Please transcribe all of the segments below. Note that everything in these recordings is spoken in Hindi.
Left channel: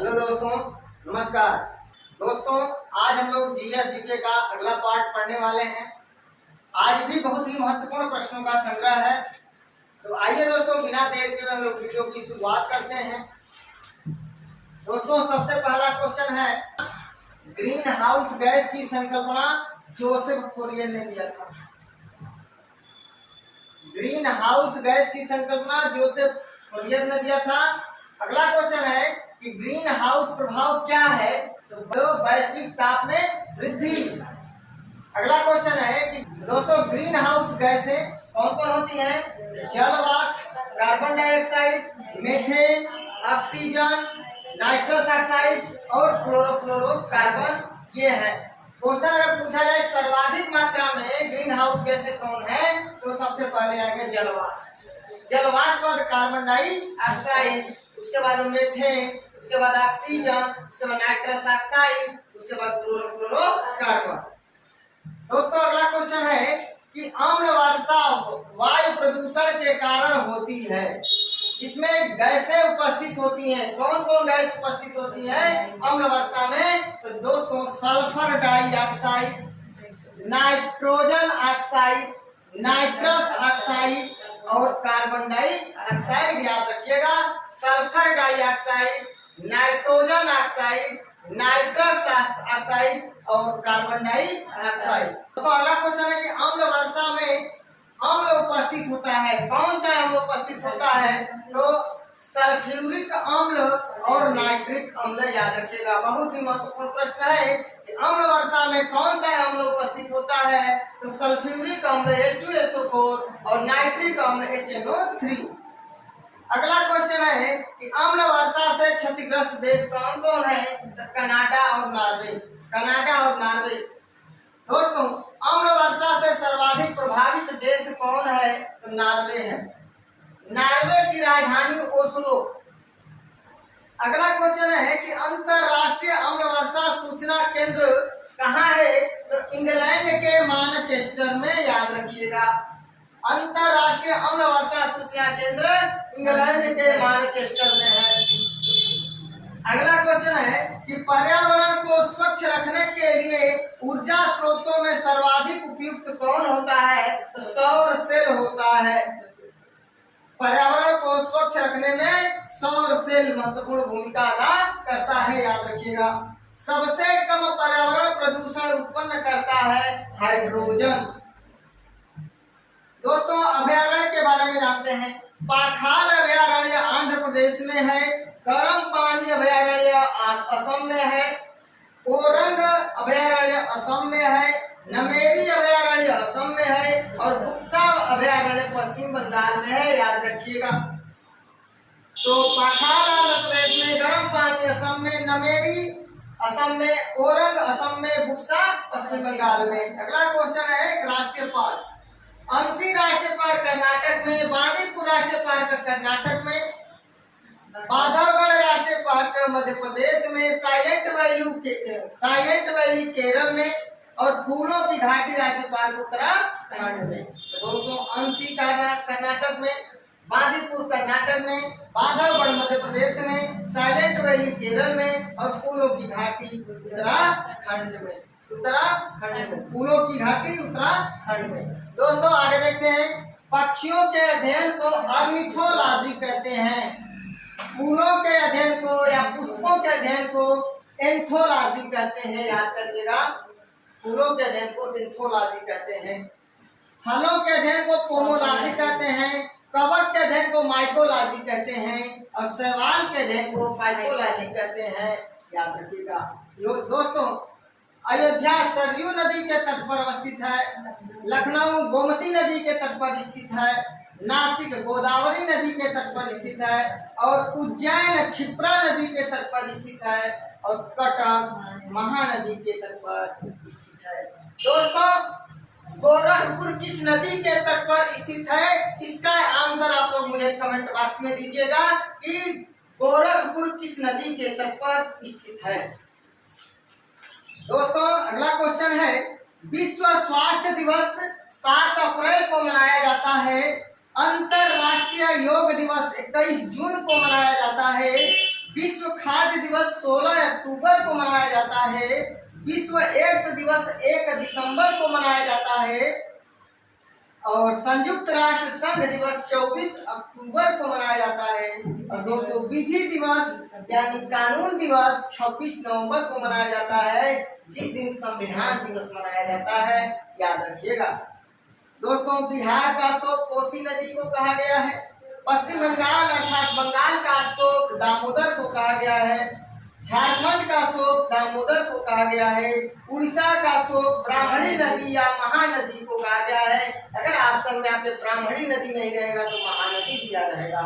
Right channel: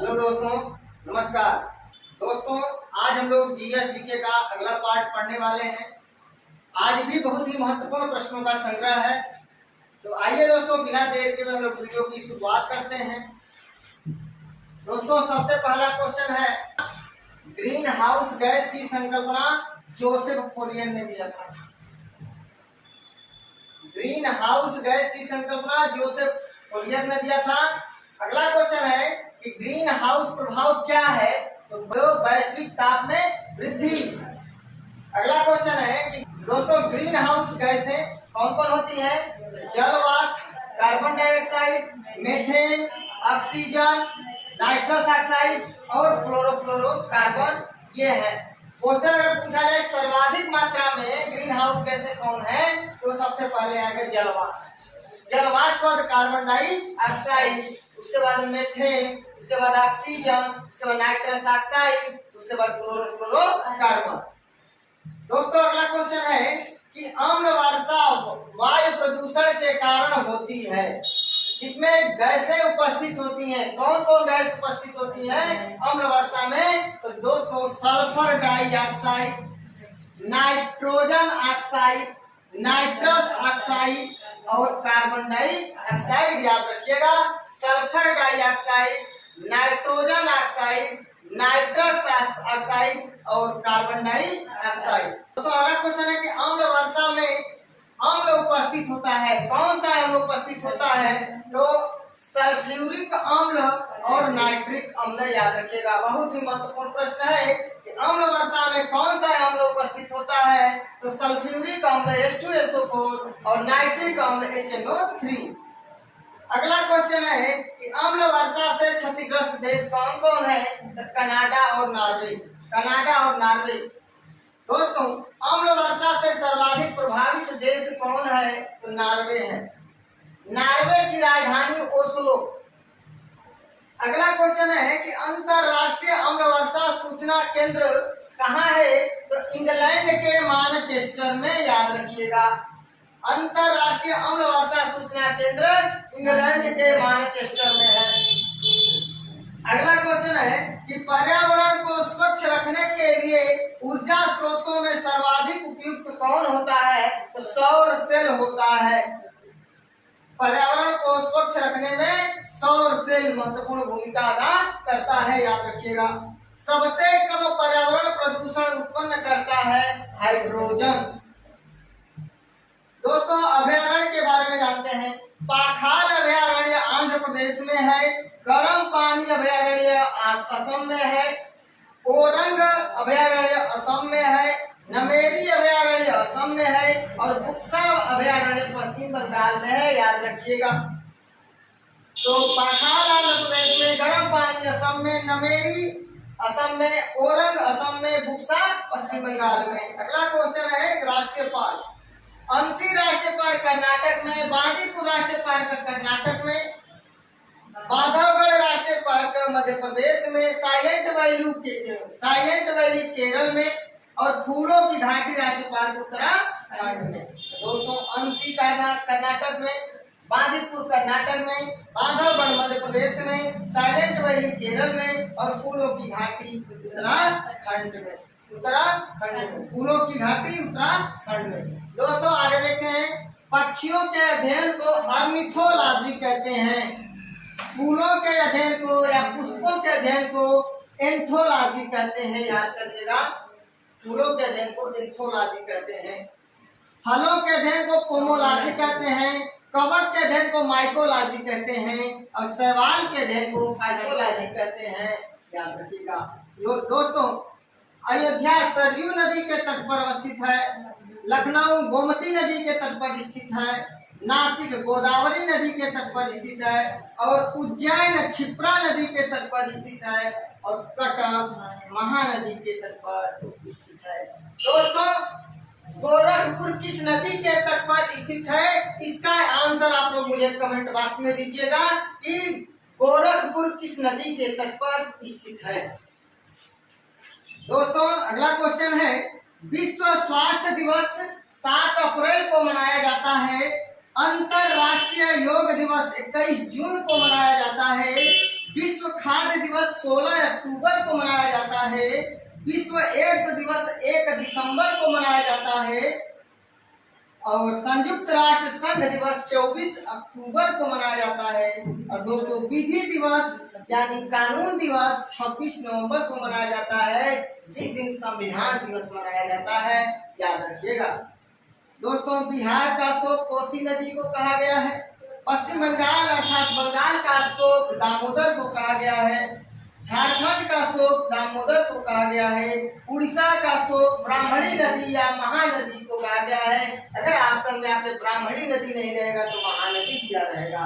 हेलो दोस्तों, नमस्कार। दोस्तों, आज हम लोग जीके का अगला पार्ट पढ़ने वाले हैं। आज भी बहुत ही महत्वपूर्ण प्रश्नों का संग्रह है। तो आइए दोस्तों, बिना देर के हम लोग वीडियो की शुरुआत करते हैं। दोस्तों, सबसे पहला क्वेश्चन है, ग्रीन हाउस गैस की संकल्पना जोसेफ फोरियर ने दिया था। ग्रीन हाउस गैस की संकल्पना जोसेफ फोरियर ने दिया था। अगला क्वेश्चन है कि ग्रीन हाउस प्रभाव क्या है, तो वैश्विक ताप में वृद्धि। अगला क्वेश्चन है कि दोस्तों ग्रीन हाउस गैसें कौन कौन होती हैं? जल वाष्प, carbon dioxide, methane, oxygen, nitrous oxide और क्लोरोफ्लोरोकार्बन, ये है। क्वेश्चन अगर पूछा जाए सर्वाधिक मात्रा में ग्रीन हाउस गैसें कौन है, तो सबसे पहले आएगा जल वाष्प। जल वाष्प बाद कार्बन डाइऑक्साइड, उसके बाद मीथेन, उसके बाद ऑक्सीजन, उसके बाद नाइट्रस ऑक्साइड, उसके बाद क्लोरोफ्लोरोकार्बन। दोस्तों अगला क्वेश्चन है कि अम्ल वर्षा वायु प्रदूषण के कारण होती है। इसमें गैसें उपस्थित होती हैं। कौन कौन गैस उपस्थित होती है अम्ल वर्षा में? तो दोस्तों sulphur dioxide, nitrogen oxide, nitrous oxide और कार्बन डाइऑक्साइड। याद रखिएगा, sulphur dioxide, nitrogen oxide, nitrous oxide और कार्बन डाइऑक्साइड। तो अगला क्वेश्चन है कि अम्ल वर्षा में अम्ल उपस्थित होता है। कौन सा अम्ल उपस्थित होता है? तो सल्फ्यूरिक अम्ल और नाइट्रिक अम्ल। याद रखिएगा, बहुत ही महत्वपूर्ण प्रश्न है कि अम्ल वर्षा में कौन सा अम्ल उपस्थित होता है? तो सल्फ्यूरिक अम्ल H2SO4 और नाइट्रिक अम्ल HNO3। अगला क्वेश्चन है कि अम्ल वर्षा से क्षतिग्रस्त देश कौन कौन है? तो कनाडा और नॉर्वे। कनाडा और नॉर्वे। दोस्तों अम्ल वर्षा से सर्वाधिक प्रभावित देश कौन है? तो नॉर्वे है। नॉर्वे की राजधानी ओस्लो। अगला क्वेश्चन है कि अंतरराष्ट्रीय अम्ल वर्षा सूचना केंद्र कहाँ है? तो इंग्लैंड के मैनचेस्टर में। याद रखिएगा, अंतरराष्ट्रीय अम्ल वर्षा सूचना केंद्र इंग्लैंड के मैनचेस्टर में है। अगला क्वेश्चन है कि पर्यावरण को स्वच्छ रखने के लिए ऊर्जा स्रोतों में सर्वाधिक उपयुक्त कौन होता है? तो सौर सेल होता है। पर्यावरण को स्वच्छ रखने में सौर सेल महत्वपूर्ण भूमिका अदा करता है। याद रखिएगा, सबसे कम पर्यावरण प्रदूषण उत्पन्न करता है हाइड्रोजन। दोस्तों अभयारण्य के बारे में जानते हैं। पाखाल अभयारण्य आंध्र प्रदेश में है, गर्म पानी अभयारण्य असम में है, ओरंग अभयारण्य असम में है, नमेरी अभयारण्य असम में है और बुक्सा अभयारण्य पश्चिम बंगाल में है। याद रखिएगा, तो पाखाल आंध्र प्रदेश में, गर्म पानी असम में, नमेरी असम में, ओरंग असम में, बुक्सा पश्चिम बंगाल में। अगला क्वेश्चन है राष्ट्रीय पार्क। अंशी राष्ट्रीय पार्क कर्नाटक में, बांदीपुर राष्ट्रीय पार्क कर्नाटक में, बांधवगढ़ राष्ट्रीय पार्क मध्य प्रदेश में, साइलेंट वैली केरल में और फूलों की घाटी राष्ट्रीय पार्क उत्तराखंड में। दोस्तों अंशी कर्नाटक में, बांदीपुर कर्नाटक में, बांधवगढ़ मध्य प्रदेश में, साइलेंट वैली केरल में और फूलों की घाटी उत्तराखंड में। फूलों की घाटी उत्तराखंड में। दोस्तों आगे देखते हैं, पक्षियों के अध्ययन को ऑर्निथोलॉजी कहते हैं। फूलों के अध्ययन को या पुष्पों के अध्ययन को एंथोलॉजी कहते हैं। याद करिएगा, फूलों के अध्ययन को एंथोलॉजी कहते हैं, फलों के अध्ययन को पोमोलॉजी कहते हैं, कवक के अध्ययन को माइकोलॉजी कहते हैं और शैवाल के अध्ययन को फाइकोलॉजी कहते हैं। याद रखिएगा। दोस्तों अयोध्या सरयू नदी के तट पर अवस्थित है, लखनऊ गोमती नदी के तट पर स्थित है, नासिक गोदावरी नदी के तट पर स्थित है और उज्जैन क्षिप्रा नदी के तट पर स्थित है और कटक महानदी के तट पर स्थित है। दोस्तों गोरखपुर किस नदी के तट पर स्थित है? इसका आंसर आप लोग मुझे कमेंट बॉक्स में दीजिएगा कि गोरखपुर किस नदी के तट पर स्थित है। दोस्तों अगला क्वेश्चन है, विश्व स्वास्थ्य दिवस 7 अप्रैल को मनाया जाता है। अंतरराष्ट्रीय योग दिवस 21 जून को मनाया जाता है। विश्व खाद्य दिवस दिवस 16 अक्टूबर को मनाया जाता है। विश्व एड्स दिवस 1 दिसंबर को मनाया जाता है और संयुक्त राष्ट्र संघ दिवस 24 अक्टूबर को मनाया जाता है। और दोस्तों विधि दिवस यानी कानून दिवस 26 नवंबर को मनाया जाता है, जिस दिन संविधान दिवस मनाया जाता है, याद रखिएगा। दोस्तों बिहार का शोक कोसी नदी को कहा गया है। पश्चिम बंगाल अर्थात बंगाल का शोक दामोदर को कहा गया है। झारखंड का शोक दामोदर को कहा गया है। उड़ीसा का शोक ब्राह्मणी नदी या महानदी को कहा गया है। अगर ऑप्शन में आपके ब्राह्मणी नदी नहीं रहेगा तो महानदी दिया रहेगा।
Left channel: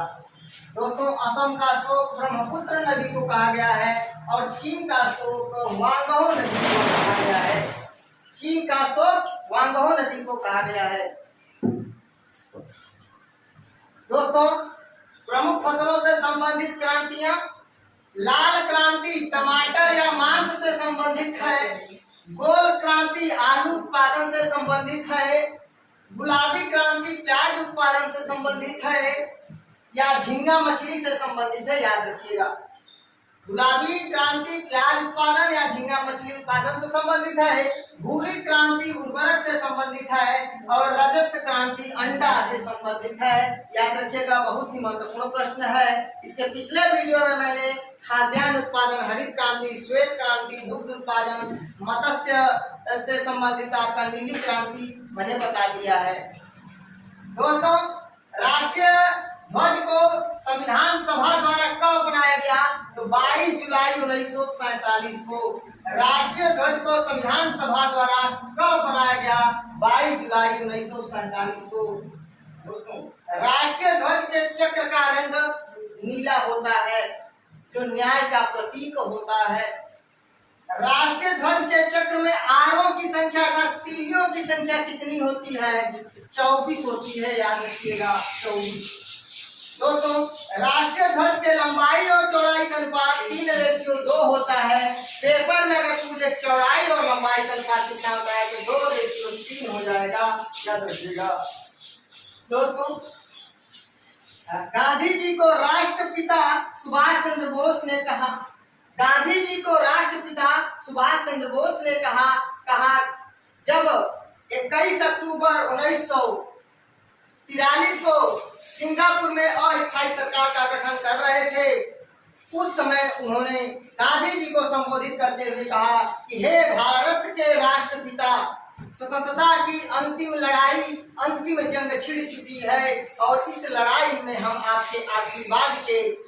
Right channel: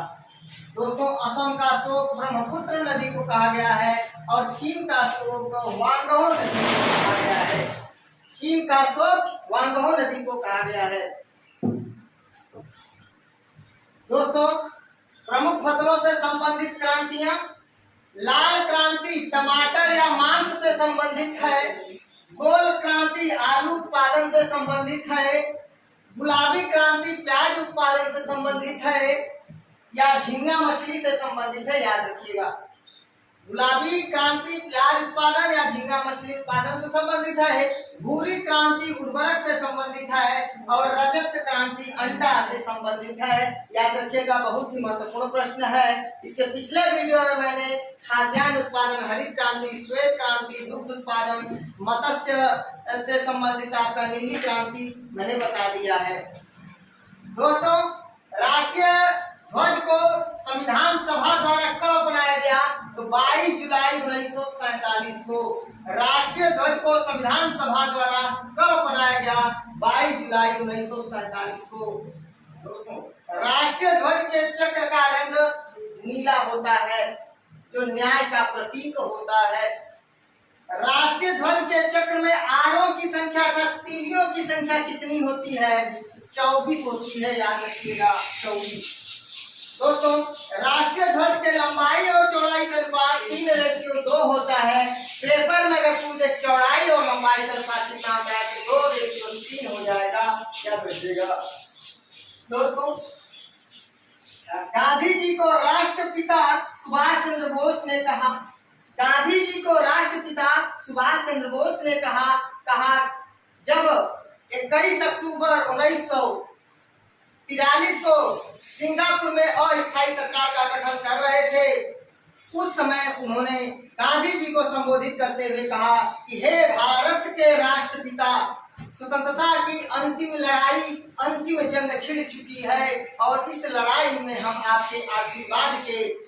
दोस्तों असम का शोक ब्रह्मपुत्र नदी को कहा गया है और चीन का शोक वांगहो नदी को कहा गया है। चीन का शोक वांगहो नदी को कहा गया है। दोस्तों प्रमुख फसलों से संबंधित क्रांतियां, लाल क्रांति टमाटर या मांस से संबंधित है। गोल क्रांति आलू उत्पादन से संबंधित है। गुलाबी क्रांति प्याज उत्पादन से संबंधित है या झींगा मछली से संबंधित है, याद रखिएगा। गुलाबी क्रांति प्याज उत्पादन या झींगा मछली उत्पादन से संबंधित है। भूरी क्रांति उर्वरक से संबंधित है और रजत क्रांति अंडा से संबंधित है, याद रखिएगा। बहुत ही महत्वपूर्ण प्रश्न है। इसके पिछले वीडियो में मैंने खाद्यान्न उत्पादन, हरित क्रांति, श्वेत क्रांति, दुग्ध उत्पादन, मत्स्य से संबंधित आपका नीली क्रांति मैंने बता दिया है। दोस्तों राष्ट्रीय ध्वज को संविधान सभा द्वारा कब बनाया गया? तो 22 जुलाई 1947 को राष्ट्रीय ध्वज को संविधान सभा द्वारा कब बनाया गया? 22 जुलाई 1947 को। दोस्तों राष्ट्रीय ध्वज के चक्र का रंग नीला होता है, जो न्याय का प्रतीक होता है। राष्ट्रीय ध्वज के चक्र में आरों की संख्या अर्थात तीलियों की संख्या कितनी होती है? 24 होती है, याद रखिएगा 24। दोस्तों राष्ट्रीय ध्वज के लंबाई और चौड़ाई का अनुपात 3:2 होता है। पेपर में अगर पूछे चौड़ाई और लंबाई का अनुपात कितना होता है तो 2:3 हो जाएगा, याद रखिएगा। दोस्तों गांधी जी को राष्ट्रपिता सुभाष चंद्र बोस ने कहा, गांधी जी को राष्ट्रपिता सुभाष चंद्र बोस ने कहा जब 21 अक्टूबर 1943 को सिंगापुर में अस्थायी सरकार का गठन कर रहे थे, उस समय उन्होंने गांधी जी को संबोधित करते हुए कहा कि हे भारत के राष्ट्रपिता, स्वतंत्रता की अंतिम लड़ाई, अंतिम जंग छिड़ चुकी है और इस लड़ाई में हम आपके आशीर्वाद के,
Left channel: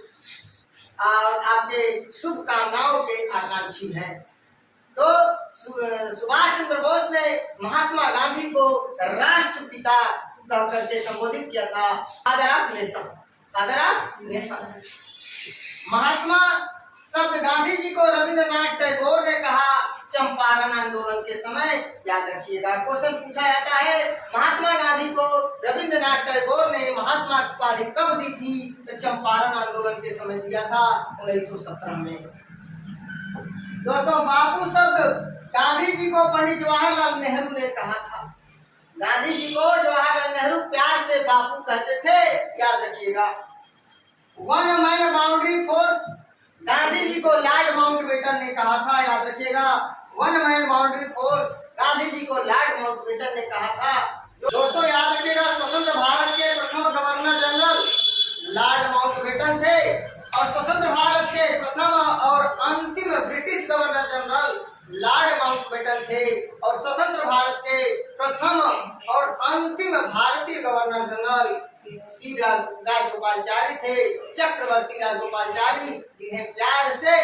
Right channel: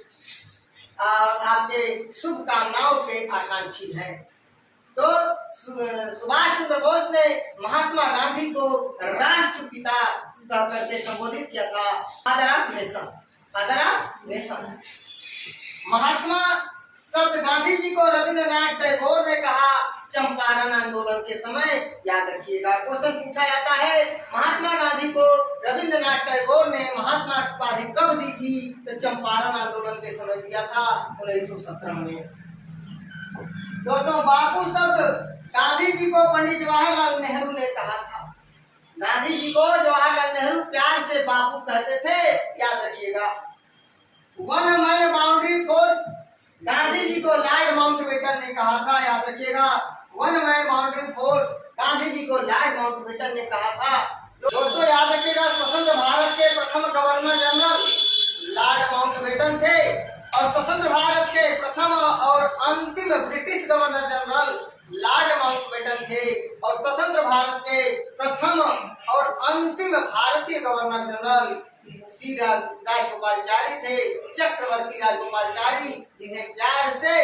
आपके शुभकामनाओं के आकांक्षी हैं। तो सुभाष चंद्र बोस ने महात्मा गांधी को राष्ट्रपिता करके संबोधित किया था। Father of nation, father of nation. Mahatma शब्द गांधी जी को रविंद्रनाथ टैगोर ने कहा चंपारण आंदोलन के समय, याद रखिएगा। क्वेश्चन पूछा जाता है महात्मा गांधी को रविंद्रनाथ टैगोर ने महात्मा की उपाधि कब दी थी? तो चंपारण आंदोलन के समय दिया था 1917 में। दोस्तों बापू शब्द गांधी जी को पंडित जवाहरलाल नेहरू ने कहा था। गांधी जी को जवाहरलाल नेहरू प्यार से बापू कहते थे, याद रखिएगा। One man boundary force Gandhi ji को लॉर्ड माउंटबेटन ने कहा था, याद रखिएगा। One man boundary force Gandhi ji को लॉर्ड माउंटबेटन ने कहा था। दोस्तों याद रखिएगा स्वतंत्र भारत के प्रथम गवर्नर जनरल लॉर्ड माउंटबेटन थे और स्वतंत्र भारत के प्रथम और अंतिम British governor general Lord Mountbatten थे और स्वतंत्र भारत के प्रथम और अंतिम भारतीय गवर्नर जनरल श्री राजगोपालचारी थे, चक्रवर्ती राजगोपालचारी, जिन्हें प्यार से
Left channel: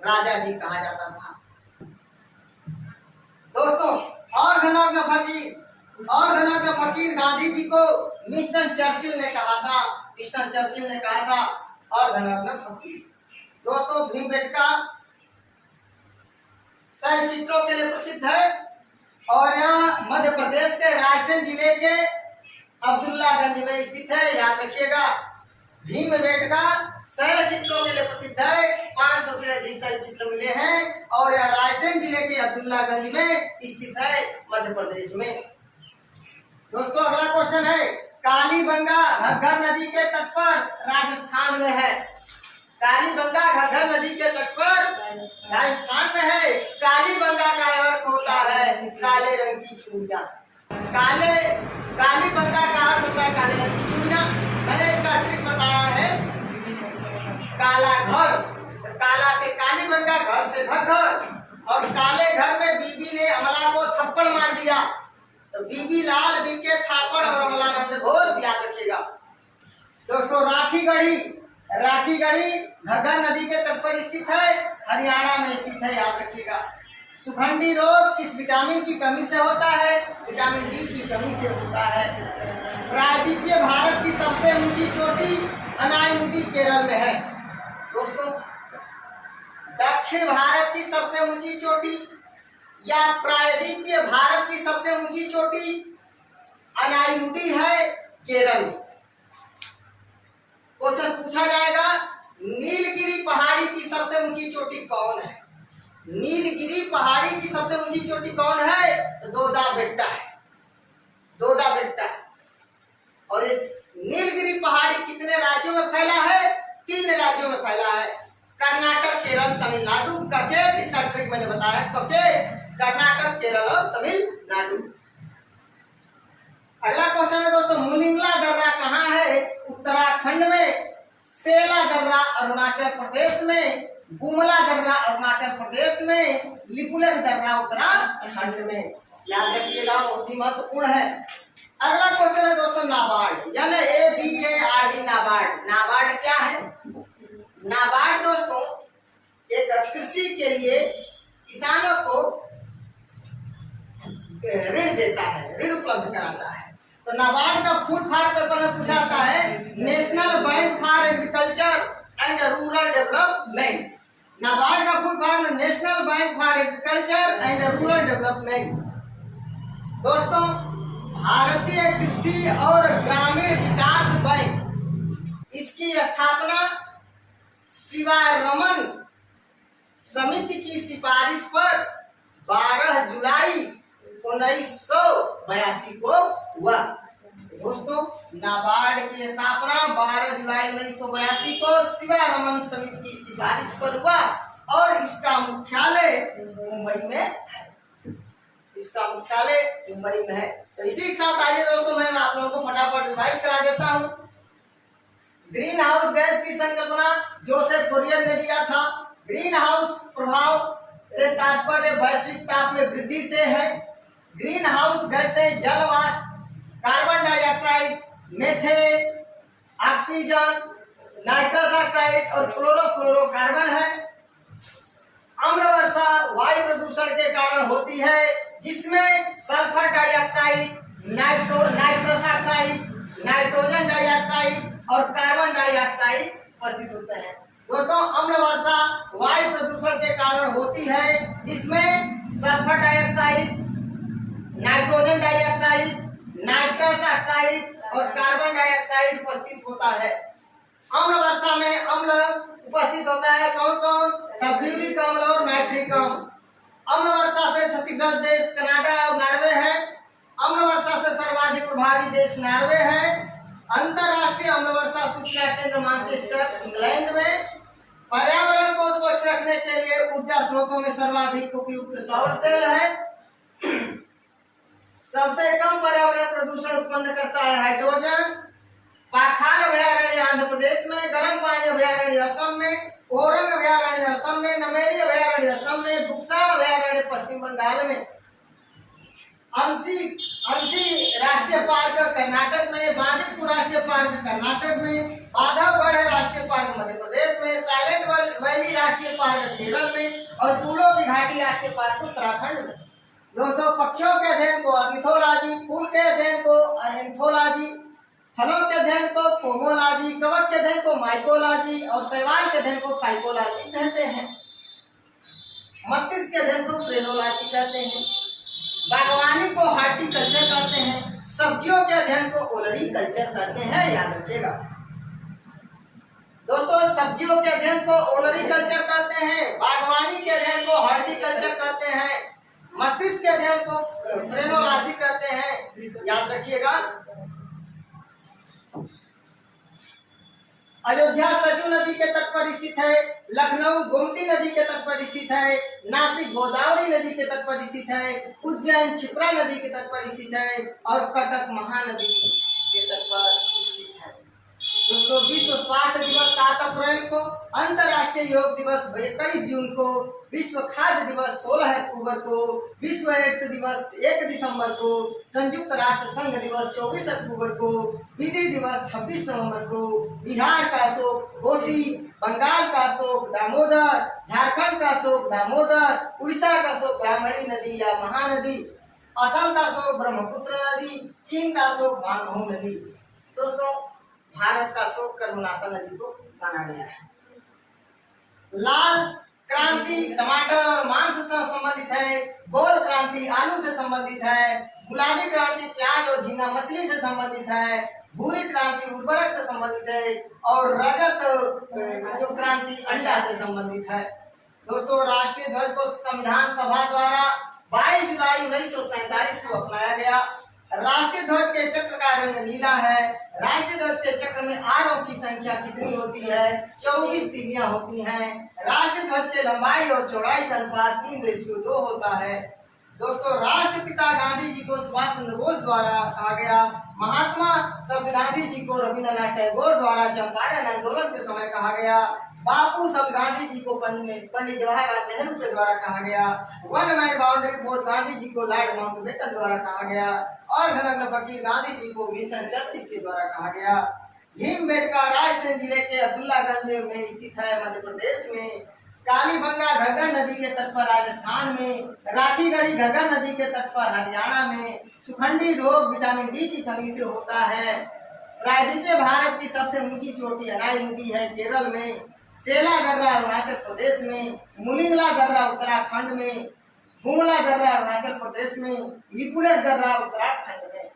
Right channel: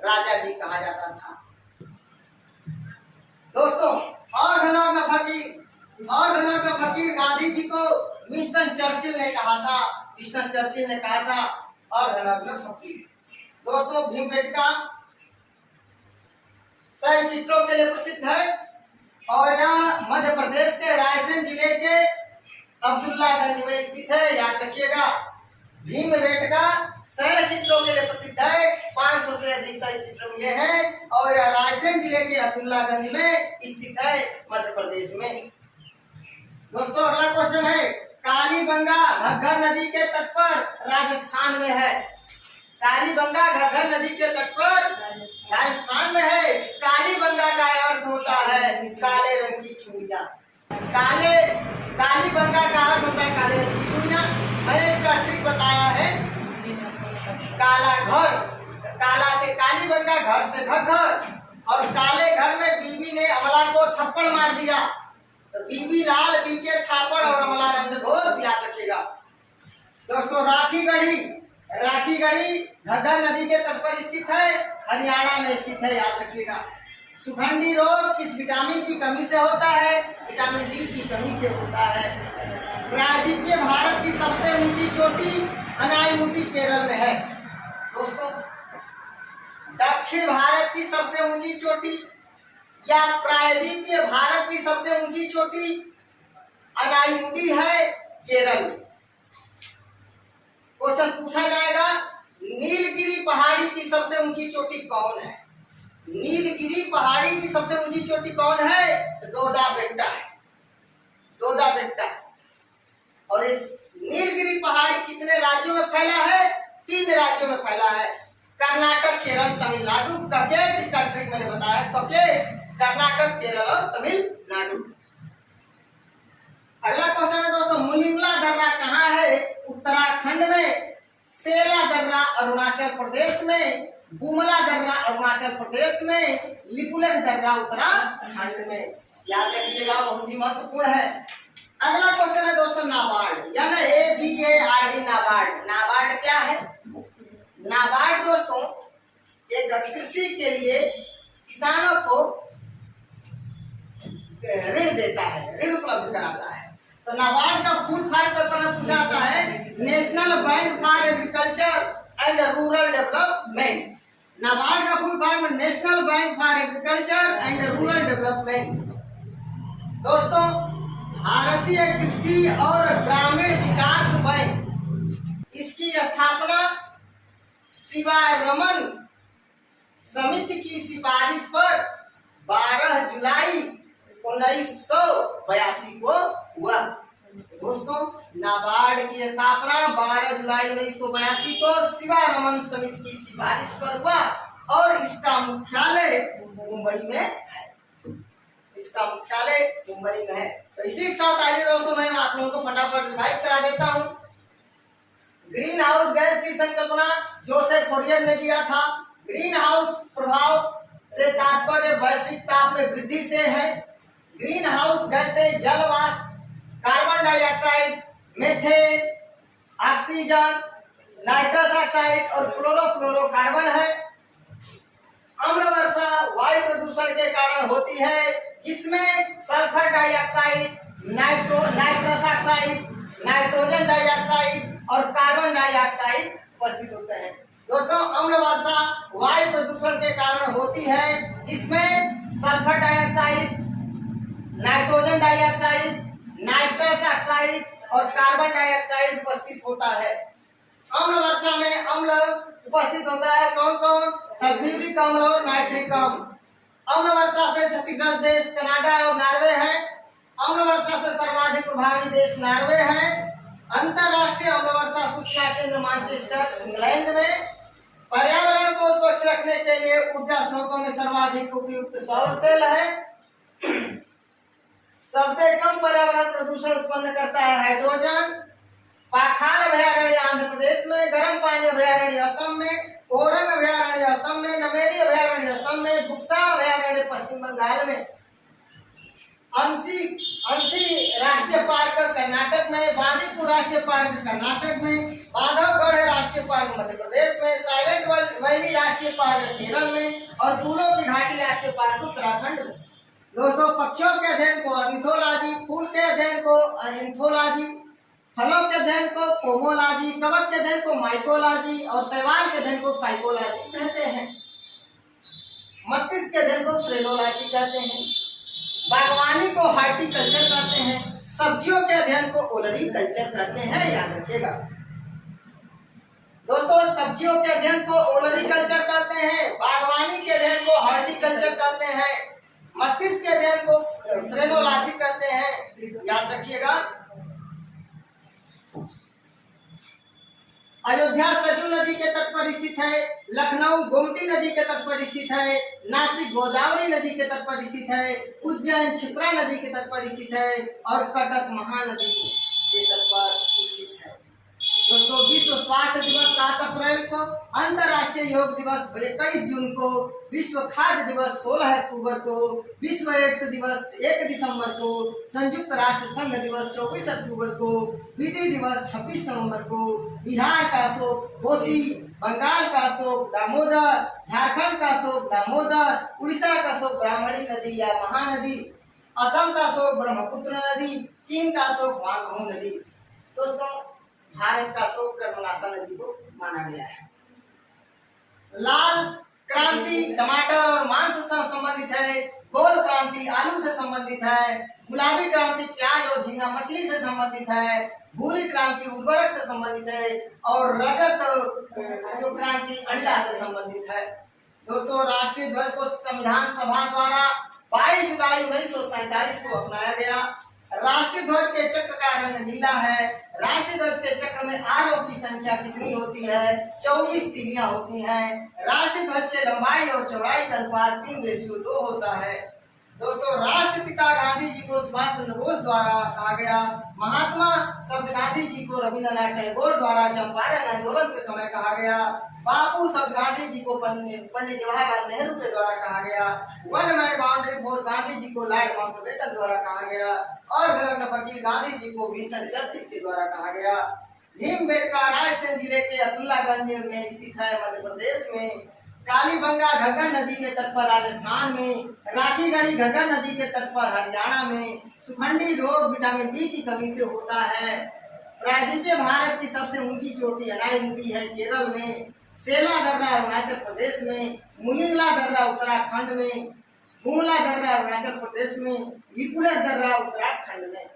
राजा जी कहा जाता था। दोस्तों और धनौर फकीर गांधी जी को विंस्टन चर्चिल ने कहा था, विंस्टन चर्चिल ने कहा था और धनौर फकीर। दोस्तों भीमबेटका शैल चित्रों के लिए प्रसिद्ध है और यह मध्य प्रदेश के रायसेन जिले के अब्दुल्लागंज में स्थित है, याद रखिएगा। भीमबेटका शैल चित्रों के लिए प्रसिद्ध है, 500 से अधिक शैल चित्र मिले हैं और यह रायसेन जिले के अब्दुल्लागंज में स्थित है, मध्य प्रदेश में। दोस्तों अगला क्वेश्चन है कालीबंगा घग्गर नदी के तट पर राजस्थान में है। कालीबंगा घग्गर नदी के तट पर राजस्थान में है। कालीबंगा का अर्थ होता है काले रंग की चूड़ियां। कालीबंगा का अर्थ होता है काले रंग की चूड़ियां। मैंने इसका ट्रिक बताया है। काला घर, काला से कालीबंगा, घर से घग्गर, और काले घर में बीबी ने अमला को थप्पड़ मार दिया तो बीबी लाल बीके थापड़ और अमला नंद घोष, याद रखिएगा। दोस्तों राखी गढ़ी घग्गर नदी के तट पर स्थित है, हरियाणा में स्थित है, याद रखिएगा। सुखंडी रोग किस विटामिन की कमी से होता है? विटामिन डी की कमी से होता है। प्रायद्वीपीय भारत की सबसे ऊंची चोटी अनाईमुडी केरल में है। दोस्तों दक्षिण भारत की सबसे ऊंची चोटी या प्रायद्वीपीय भारत की सबसे ऊंची चोटी अनाईमुडी है, केरल में। क्वेश्चन पूछा जाएगा, नीलगिरी पहाड़ी की सबसे ऊंची चोटी कौन है? नीलगिरी पहाड़ी की सबसे ऊंची चोटी कौन है? तो दोदा बेट्टा है, दोदा बेट्टा। और ये नीलगिरी पहाड़ी कितने राज्यों में फैला है? 3 राज्यों में फैला है, कर्नाटक, केरल, तमिलनाडु। कके इसका ट्रिक मैंने बताया, कके कर्नाटक, केरल और तमिलनाडु। अगला क्वेश्चन है दोस्तों, मुनिंगला दर्रा कहाँ है? उत्तराखंड में। सेला दर्रा अरुणाचल प्रदेश में। बुमला दर्रा अरुणाचल प्रदेश में। लिपुलेख दर्रा उत्तराखंड में, याद रखिएगा, बहुत ही महत्वपूर्ण है। अगला क्वेश्चन है दोस्तों, नाबार्ड, यानी NABARD, नाबार्ड। नाबार्ड क्या है? नाबार्ड दोस्तों एक कृषि के लिए किसानों को ऋण देता है, ऋण उपलब्ध कराता है। तो नाबार्ड का फुल फॉर्म पेपर में पूछा जाता है, national bank for agriculture and rural development. NABARD का full form national bank for agriculture and rural development. दोस्तों भारतीय कृषि और ग्रामीण विकास बैंक, इसकी स्थापना शिवारमन समिति की सिफारिश पर 12 जुलाई 1982 को हुआ। दोस्तों नाबार्ड की स्थापना 12 जुलाई 1982 को शिवारमन समिति की सिफारिश पर हुआ और इसका मुख्यालय मुंबई में है। इसका मुख्यालय मुंबई में है। तो इसी के साथ आइए दोस्तों मैं आप लोगों को फटाफट रिवाइज करा देता हूँ। ग्रीन हाउस गैस की संकल्पना जोसेफ फोरियर ने दिया था। ग्रीन हाउस प्रभाव से तात्पर्य वैश्विक ताप में वृद्धि से है। ग्रीन हाउस गैस से जल वाष्प, carbon dioxide, methane, oxygen, nitrous oxide और क्लोरोफ्लोरोकार्बन है। अम्ल वर्षा वायु प्रदूषण के कारण होती है, जिसमें sulphur dioxide, nitrous oxide, nitrogen dioxide और कार्बन डाइऑक्साइड उपस्थित होते हैं। दोस्तों अम्ल वर्षा वायु प्रदूषण के कारण होती है, जिसमें sulphur dioxide, nitrogen dioxide, nitrous oxide और कार्बन डाइऑक्साइड उपस्थित होता है। अम्ल वर्षा में अम्ल उपस्थित होता है, कौन कौन? सल्फ्यूरिक अम्ल और नाइट्रिक अम्ल। अम्ल वर्षा से क्षतिग्रस्त देश कनाडा और नॉर्वे है। अम्ल वर्षा से सर्वाधिक प्रभावी देश नॉर्वे है। अंतरराष्ट्रीय अम्ल वर्षा सूचना केंद्र मैनचेस्टर इंग्लैंड में। पर्यावरण को स्वच्छ रखने के लिए ऊर्जा स्रोतों में सर्वाधिक उपयुक्त सौर सेल है। सबसे कम पर्यावरण प्रदूषण उत्पन्न करता है हाइड्रोजन। पाखाल अभयारण्य आंध्र प्रदेश में, गर्म पानी अभयारण्य असम में, ओरंग अभयारण्य असम में, नमेरी अभयारण्य असम में, बुक्सा अभयारण्य पश्चिम बंगाल में, अंशी राष्ट्रीय पार्क कर्नाटक में, बांदीपुर राष्ट्रीय पार्क कर्नाटक में, बांधवगढ़ राष्ट्रीय पार्क मध्य प्रदेश में, साइलेंट वैली राष्ट्रीय पार्क केरल में और फूलों की घाटी राष्ट्रीय पार्क उत्तराखंड में। दोस्तों पक्षियों के अध्ययन को ऑर्निथोलॉजी, फूल के अध्ययन को एंथोलॉजी, फलों के अध्ययन को पोमोलॉजी, कवक के अध्ययन को माइकोलॉजी और शैवाल के अध्ययन को फाइकोलॉजी कहते हैं। मस्तिष्क के अध्ययन को फ्रेनोलॉजी कहते हैं। बागवानी को हार्टिकल्चर कहते हैं। सब्जियों के अध्ययन को ओलरीकल्चर कहते हैं, याद रखिएगा। दोस्तों सब्जियों के अध्ययन को ओलरीकल्चर कहते हैं, बागवानी के अध्ययन को हार्टिकल्चर कहते हैं, मस्तिष्क के अध्ययन को फ्रेनोलॉजी कहते हैं, याद रखिएगा। अयोध्या सरयू नदी के तट पर स्थित है, लखनऊ गोमती नदी के तट पर स्थित है, नासिक गोदावरी नदी के तट पर स्थित है, उज्जैन क्षिप्रा नदी के तट पर स्थित है और कटक महानदी के तट पर स्थित है। दोस्तों, विश्व स्वास्थ्य दिवस 7 अप्रैल को, अंतर्राष्ट्रीय योग दिवस 21 जून को, विश्व खाद्य दिवस 16 अक्टूबर को, विश्व एड्स दिवस 1 दिसंबर को, संयुक्त राष्ट्र संघ दिवस 24 अक्टूबर को, विधि दिवस 26 नवंबर को, बिहार का अशोक कोसी, बंगाल का अशोक दामोदर, झारखंड का अशोक दामोदर, उड़ीसा का अशोक ब्राह्मणी नदी या महानदी, असम का अशोक ब्रह्मपुत्र नदी, चीन का अशोक मानगढ़ नदी। दोस्तों, भारत का अशोक कर्मनाशा नदी को माना गया है। लाल क्रांति टमाटर और मांस से संबंधित है, गोल क्रांति आलू से संबंधित है, गुलाबी क्रांति प्याज और झींगा मछली से संबंधित है, भूरी क्रांति उर्वरक से संबंधित है और रजत जो क्रांति अंडा से संबंधित है। दोस्तों, राष्ट्रीय ध्वज को संविधान सभा द्वारा 22 जुलाई 1947 को अपनाया गया। राष्ट्रीय ध्वज के चक्र का रंग नीला है। राष्ट्रीय ध्वज के चक्र में आरों की संख्या कितनी होती है? 24 तीलियां होती हैं। राष्ट्रीय ध्वज के लंबाई और चौड़ाई का अनुपात 3:2 होता है। दोस्तों, राष्ट्रपिता गांधी जी को सुभाष चंद्र बोस द्वारा कहा गया। महात्मा शब्द गांधी जी को रविंद्रनाथ टैगोर द्वारा चंपारण आंदोलन के समय कहा गया। बापू शब्द गांधी जी को पंडित जवाहरलाल नेहरू के द्वारा कहा गया। One man boundary for Gandhi ji को लॉर्ड माउंटबेटन द्वारा कहा गया और धनग्न फकीर गांधी जी को विंस्टन चर्चिल के द्वारा कहा गया। भीमबेटका रायसेन जिले के अब्दुल्लागंज में स्थित है, मध्य प्रदेश में। कालीबंगा घग्गर नदी के तट पर राजस्थान में, राखीगढ़ी घग्गर नदी के तट पर हरियाणा में। सुखंडी रोग विटामिन डी की कमी से होता है। प्रायद्वीपीय भारत की सबसे ऊंची चोटी अनाईमुखी है, केरल में। सेला दर्रा अरुणाचल प्रदेश में, मुनिंगला दर्रा उत्तराखंड में, हुंगला दर्रा अरुणाचल प्रदेश में, लिपुलेख दर्रा उत्तराखंड में।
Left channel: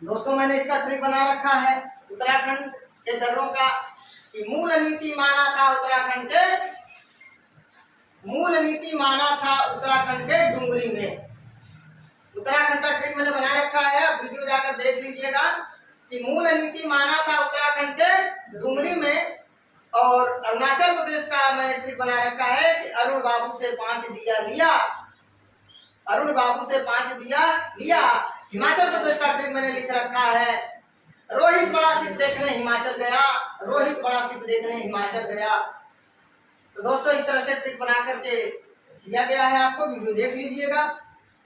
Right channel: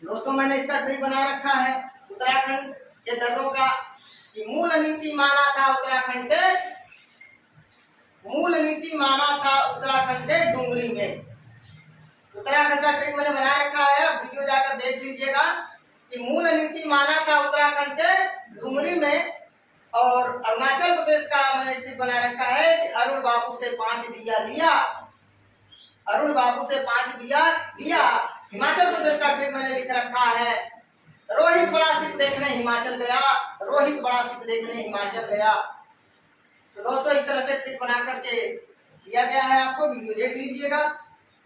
दोस्तों, मैंने इसका ट्री बना रखा है उत्तराखंड के दर्रों का। मूल नीति माना था उत्तराखंड के डुंगरी में। उत्तराखंड का ट्री मैंने बना रखा है, आप वीडियो जाकर देख लीजिएगा कि मूल नीति माना था उत्तराखंड के डुंगरी में। और अरुणाचल प्रदेश का मैंने ट्रिक बना रखा है कि अरुण बाबू से 5 दिया लिया। हिमाचल प्रदेश का ट्रिक मैंने लिख रखा है, रोहित बड़ा शिप देखने हिमाचल गया। तो दोस्तों, इस तरह से ट्रिक बना करके दिया गया है, आपको वीडियो देख लीजिएगा।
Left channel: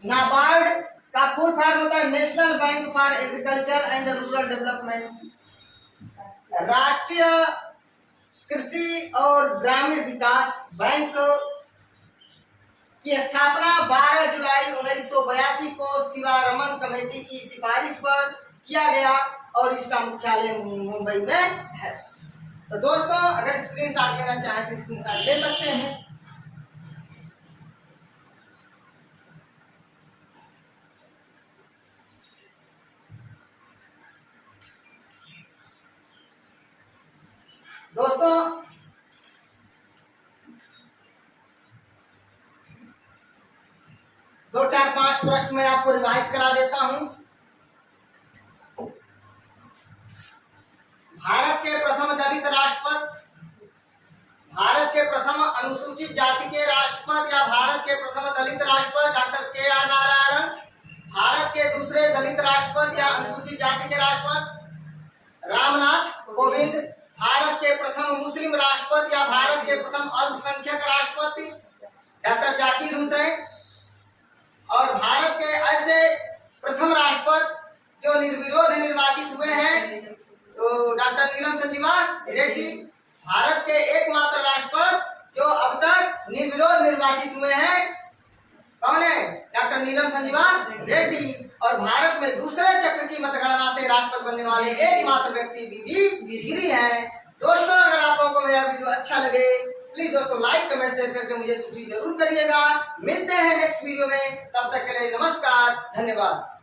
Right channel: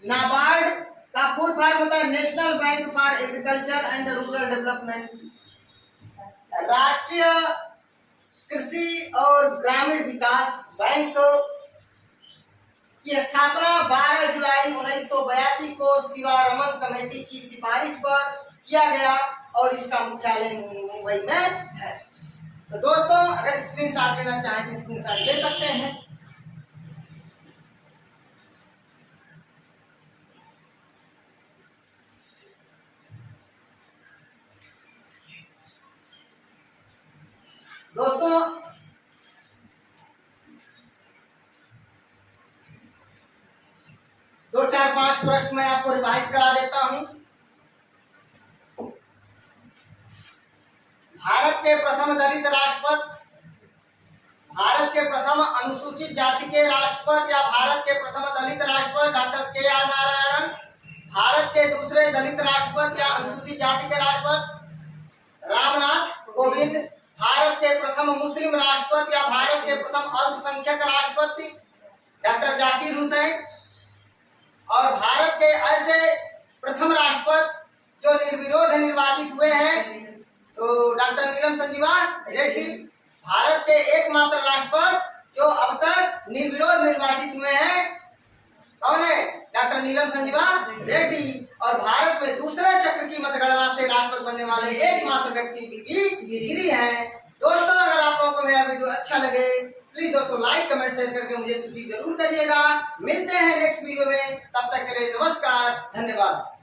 नाबार्ड का फुल फॉर्म होता है national bank for agriculture and rural development. राष्ट्रीय कृषि और ग्रामीण विकास बैंक की स्थापना 12 जुलाई 1982 को शिवारमन कमेटी की सिफारिश पर किया गया और इसका मुख्यालय मुंबई में है। तो दोस्तों, अगर स्क्रीनशॉट लेना चाहे तो स्क्रीनशॉट ले सकते हैं। दोस्तों, दो चार पांच प्रश्न मैं आपको रिवाइज करा देता हूं। भारत के प्रथम दलित राष्ट्रपति, भारत के प्रथम अनुसूचित जाति के राष्ट्रपति या भारत के प्रथम दलित राष्ट्रपति डॉक्टर के.आर. नारायणन। भारत के दूसरे दलित राष्ट्रपति या अनुसूचित जाति के राष्ट्रपति रामनाथ कोविंद। भारत के प्रथम मुस्लिम राष्ट्रपति या भारत के प्रथम अल्पसंख्यक राष्ट्रपति डॉक्टर जाकिर हुसैन। और भारत के ऐसे प्रथम राष्ट्रपति जो निर्विरोध निर्वाचित हुए हैं तो डॉक्टर नीलम संजीवा रेड्डी। भारत के एकमात्र राष्ट्रपति जो अब तक निर्विरोध निर्वाचित हुए हैं कौन है? डॉक्टर नीलम संजीवा रेड्डी। और भारत में दूसरे चक्र की मतगणना से राष्ट्रपति बनने वाले एकमात्र व्यक्ति बीबी गिरी हैं। दोस्तों, अगर आप लोगों को मेरा वीडियो अच्छा लगे प्लीज दोस्तों लाइक कमेंट शेयर करके मुझे सूचित जरूर करिएगा। मिलते हैं नेक्स्ट वीडियो में, तब तक के लिए नमस्कार, धन्यवाद।